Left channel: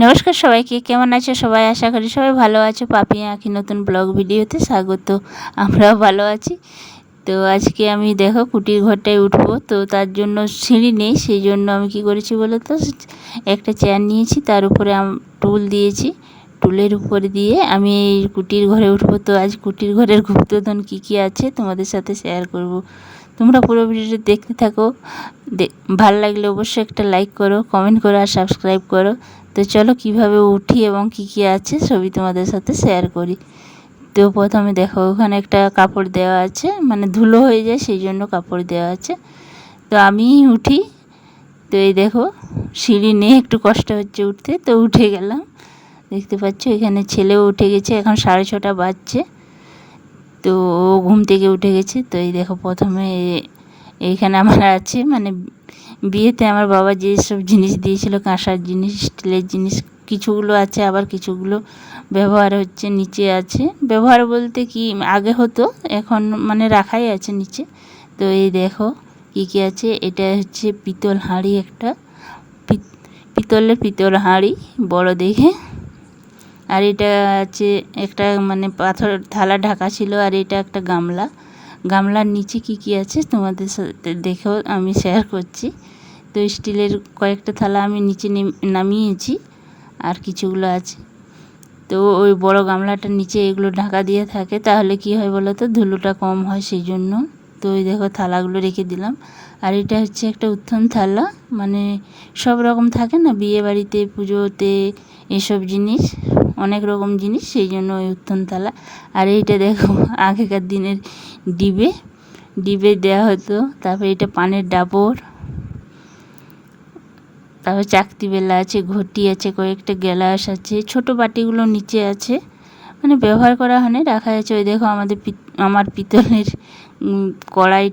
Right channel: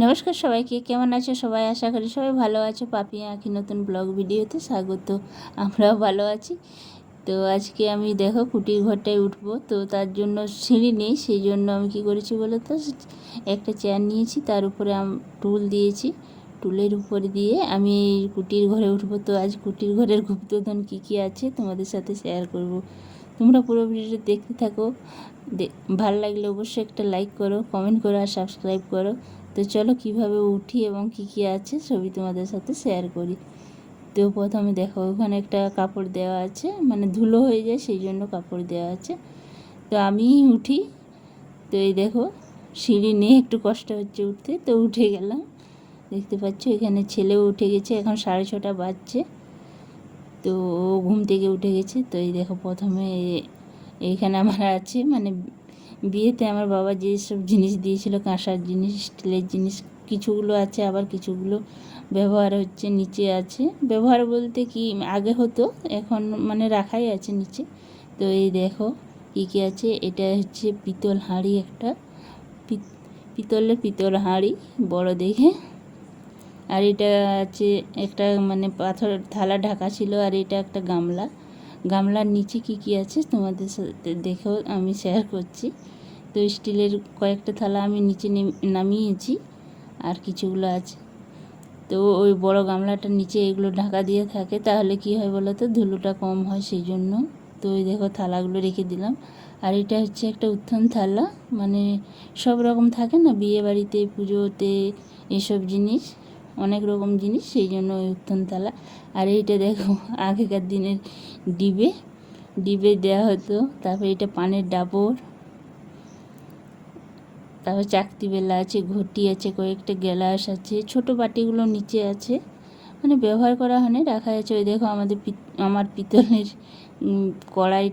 নমস্কার সবাইকে, কেমন আছো সবাই? আশা করি সবাই ভালো আছো। পাপি আঁকি নতুন ব্লগ ভিডিওতে স্বাগত। আমরাও ভালো আছি। তো আজকে আমি দেখো কুটির ঘরটায় উঠবো, তো তার জন্য সিঁড়ি নেই, সেই জন্য আমি কি করেছি বলো তো, একটা চেয়ার নিয়েছি, তার উপরে টুল দিয়েছি, টুলের উপরে দিয়ে আমি এই কুটির ঘরে উঠবো। তো আজ কুটির ঘরের গুপ্তধন কী কী আছে তোমাদের সাথে শেয়ার করব। তোমরা পুরো ভিডিওটা দেখতে থাকো। ভালো লাগলে অবশ্যই একটা লাইক করো, কমেন্ট করো আর সাবস্ক্রাইব করো। তো চলো কিভাবে উঠি এবং কি কি আছে সবই তোমাদের সাথে শেয়ার করি। তো প্রথমে দেখো ওখানে একটা কাপড় দেওয়া আছে, মানে ধুলো হয়ে যায় সেই জন্য কাপড় দেওয়া আছে। তো আমি উঠি। তো এই দেখো সিঁড়ি নিয়ে একটু কষ্ট হচ্ছে উঠতে, তো উঠে গেলাম। দেখতে পাচ্ছ এখানে ছেলেও উঠে গেছে, এখন 6:30 বাজছে। তো ও ঘুম থেকে উঠে গেছে। তো এই দেখো প্রথমে এইখানে আমার আছে, মানে বিয়েতে আমার বাবা যেসব জিনিস দিয়েছিল, কাঁসার জিনিস, স্টিলের জিনিস, কিছুগুলো আছে, আবার কিছুগুলো ব্যবহার হচ্ছে, নিচে আছে। ব্যবহার বলতে কি আগে হতো, এখন মানে রাখাই আছে নিচে। তো এই দেখো কী কী আছে। এটা হচ্ছে পিতল হাঁড়ি, একটা পিতল হাঁড়ি বড় দেখে। আর এটা আছে একটা মানে পাথর থালা ঢাকা ছিল। আর এটা একটা গামলার নিচে কি কি আছে তোমাদের সাথে দেখেও আমি শেয়ার করছি। তো স্টিলের কয়েকটা থালা আমি নিচে নামিয়েছি, আর কিছুগুলো আছে। তো ওই বড় গামলাটার নিচে এগুলো ঢাকা দিয়ে থাকে, তাহলে কি হয় বলো তো, ধুলোটা কম হয় সেই জন্য। তো ওই দেখো থালাগুলো রেখে দিলাম। আর এটা হচ্ছে একটা উত্থন থালা, মানে সব রকম থাকে না বিয়ে বাড়িতে, পুজোতে, এসব জিনিস, অনেক রকম জিনিস, সেই জন্য ওই উত্থন থালা। আর এইটা দেখো আগেকার দিনের ডিবে দেওয়া হতো। তারপরে এটা পানের ডাবর, তারপর চাকতি বেলা আছে, ঘটি আছে, কয়েকটা গ্লাস আছে, ছোট বাটিগুলো নিচে আছে, মানে ব্যবহার করা হয়নি, রাখা আছে। ওই দেখো আমার পিতলের কড়াই।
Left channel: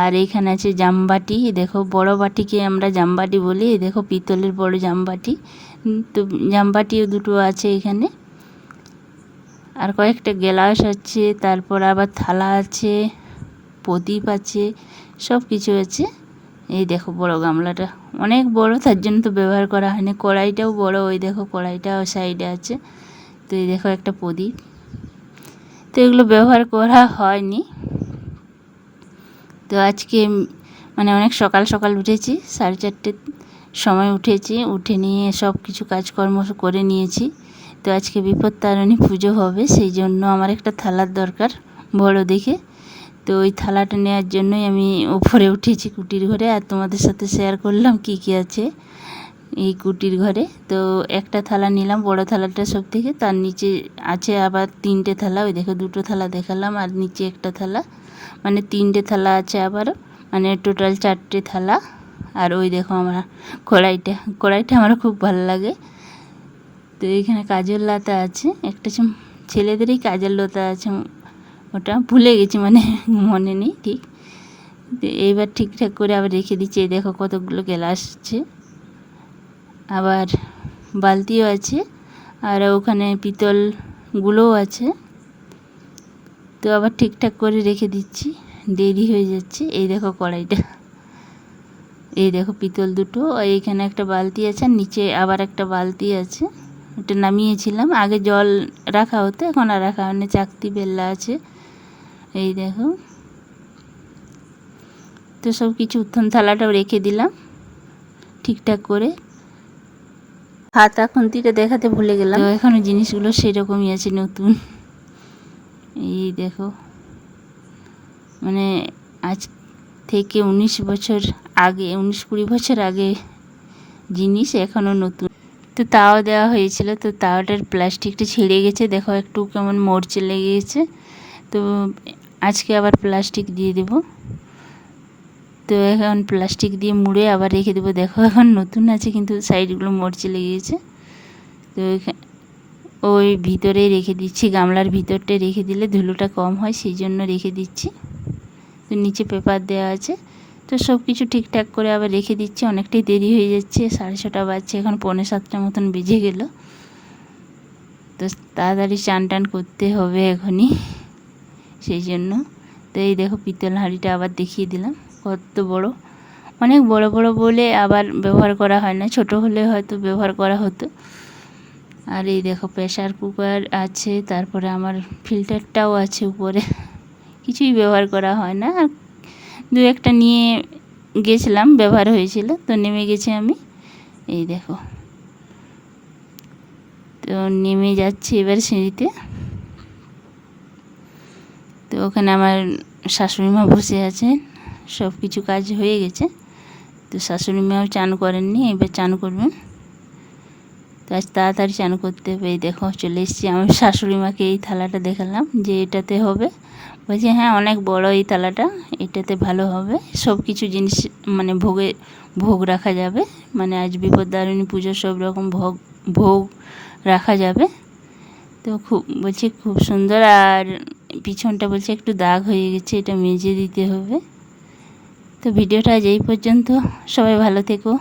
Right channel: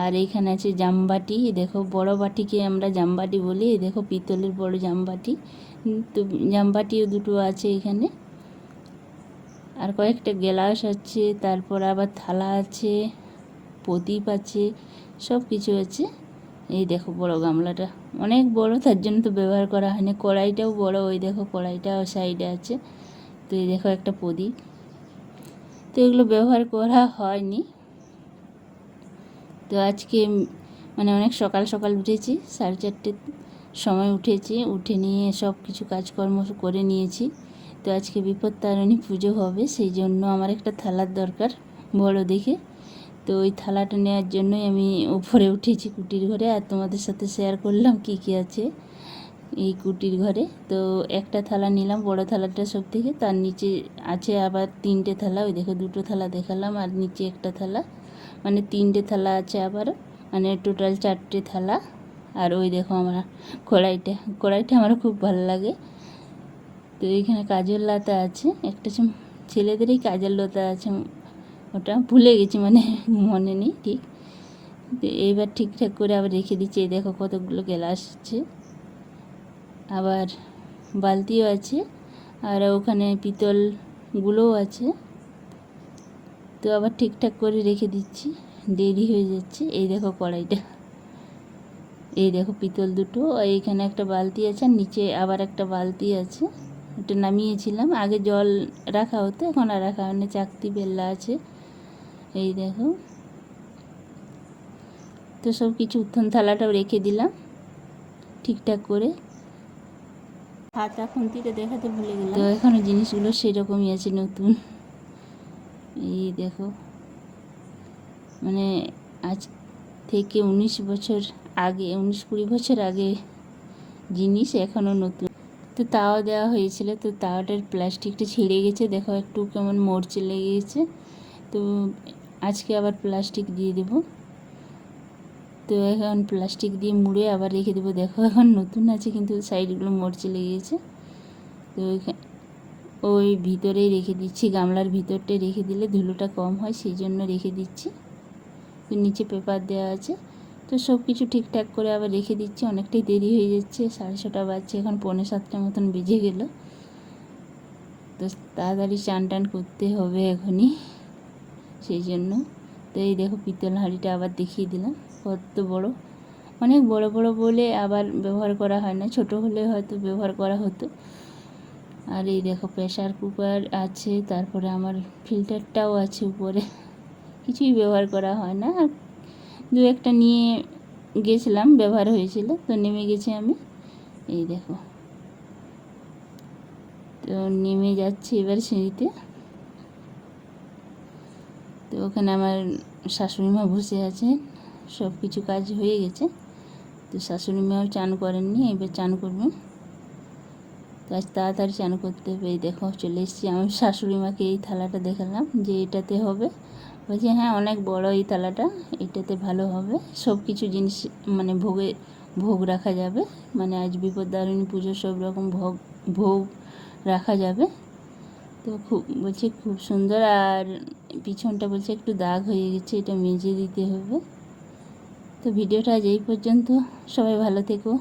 আর এইখানে আছে জামবাটি, দেখো বড় বাটিকে আমরা জামবাটি বলি। এই দেখো পিতলের বড় জামবাটি। তো জামবাটিও দুটো আছে এখানে। আর কয়েকটা গ্লাস আছে, তারপর আবার থালা আছে, প্রদীপ আছে, সব কিছু আছে। এই দেখো বড় গামলাটা অনেক বড়, তার জন্য তো ব্যবহার করা হয়নি। কড়াইটাও বড়, ওই দেখো কড়াইটাও সাইডে আছে। তো এই দেখো একটা প্রদীপ। তো এগুলো ব্যবহার করা হয়নি। তো আজকে মানে অনেক সকাল সকাল উঠেছি, 4:30 সময় উঠেছি, উঠে নিয়ে সব কিছু কাজকর্ম করে নিয়েছি। তো আজকে বিপত্তারিণী পুজো হবে, সেই জন্য আমার একটা থালার দরকার বড় দেখে। তো ওই থালাটা নেওয়ার জন্যই আমি উপরে উঠেছি কুটির ঘরে, আর তোমাদের সাথে শেয়ার করলাম কি কি আছে এই কুটির ঘরে। তো একটা থালা নিলাম, বড় থালাটা সব থেকে, তার নিচে আছে আবার 3টে থালা। ওই দেখো 2টো থালা দেখালাম, আর নিচে একটা থালা, মানে 3টে থালা আছে আবার, মানে টোটাল 4টে থালা। আর ওই দেখো আমার কড়াইটা আমার খুব ভালো লাগে। তো এখানে কাজল লতা আছে, একটা ছেলেদেরই কাজল লতা আছে, ওটা ভুলে গেছি, মানে মনে নেই ঠিক। তো এইবার ঠিকঠাক করে আবার রেখে দিচ্ছি। এই দেখো কতগুলো গ্লাস আছে, আবার বালতিও আছে, আর ওখানে পিতলগুলোও আছে। তো আবার ঠিকঠাক করে রেখে দিচ্ছি, দেরি হয়ে যাচ্ছে। এই দেখো কড়াইটা, এই দেখো পিতল দুটো, এইখানে একটা বালতি আছে, নিচে আবার একটা বালতি আছে, ওটা নামিয়েছিলাম। আগে জল রাখা হতো, এখন আর রাখা হয়নি। চাকতি বেল্লা আছে, এই দেখো। তো সব কিছু উত্থন থালাটাও রেখে দিলাম ঠিকঠাক করে। হাতা খুন্তিটা দেখাতে ভুলে গেলাম। তো এখনো জিনিসগুলো সেরকমই আছে, নতুন। এই দেখো, মানে আজ থেকে 19 বছর আগে, 19-20 বছর আগে জিনিস, এখনও নতুন। তো তাও দেওয়া হয়েছিল, তো তাওয়াটার প্লাস্টিকটা ছিঁড়ে গেছে, দেখো একটু কেমন মরচে লেগে গেছে। তো আজকে আবার প্লাস্টিক দিয়ে দেব। তো এখন প্লাস্টিক দিয়ে মুড়ে আবার রেখে দেবো। দেখো এখন নতুন আছে, কিন্তু সাইডগুলো মরচে লেগে গেছে। তো ওই ভিতরেই রেখে দিচ্ছি, গামলার ভিতরটা রেখে দিলে ধুলোটা কম হয়, সেই জন্য রেখে দিচ্ছি। তো নিচে পেপার দেওয়া আছে। তো সব কিছু ঠিকঠাক করে আবার রেখে দিচ্ছি। অনেকটাই দেরি হয়ে যাচ্ছে, 6:30 বাজছে, এখন 6:45 মতন বেজে গেল। তো তাড়াতাড়ি চান টান করতে হবে এখনই, সেই জন্য। তো এই দেখো পিতল হাঁড়িটা আবার দেখিয়ে দিলাম, কত বড়, অনেক বড় বড় বলে আবার ব্যবহার করা হয় না, ছোট হলে হয়তো ব্যবহার করা হতো। আর এই দেখো প্রেসার কুকার আছে, তারপরে আমার ফিল্টারটাও আছে উপরে, কিছুই ব্যবহার করা হয় না। আর দু একটা নিয়ে গেছিলাম, ব্যবহার হয়েছিল, তো নেমে গেছি আমি। এই দেখো, তো নেমে যাচ্ছি এবার সিঁড়িতে। তো ওখানে আমার শাশুড়ি মা বসে আছেন, সব কিছু কাজ হয়ে গেছে। তো শাশুড়ি মাও চান করেননি, এবার চান করবেন। তো আজ তাড়াতাড়ি চান করতে হবে। এই দেখো চলে এসেছি। আমার শাশুড়ি মাকে এই থালাটা দেখালাম যে এটাতে হবে, বলছে হ্যাঁ অনেক বড় এই থালাটা, এটাতে ভালো হবে, সব কিছু জিনিস মানে ভোগ রাখা যাবে। মানে আজ বিপত্তারিণী পুজোর সব রকম ভোগ রাখা যাবে। তো বলছে খুব সুন্দর। আর পিছনটা বলছে একটু দাগ হয়ে গেছে, এটা মেজে দিতে হবে। তো ভিডিওটা আজ এই পর্যন্ত, সবাই ভালো থেকো।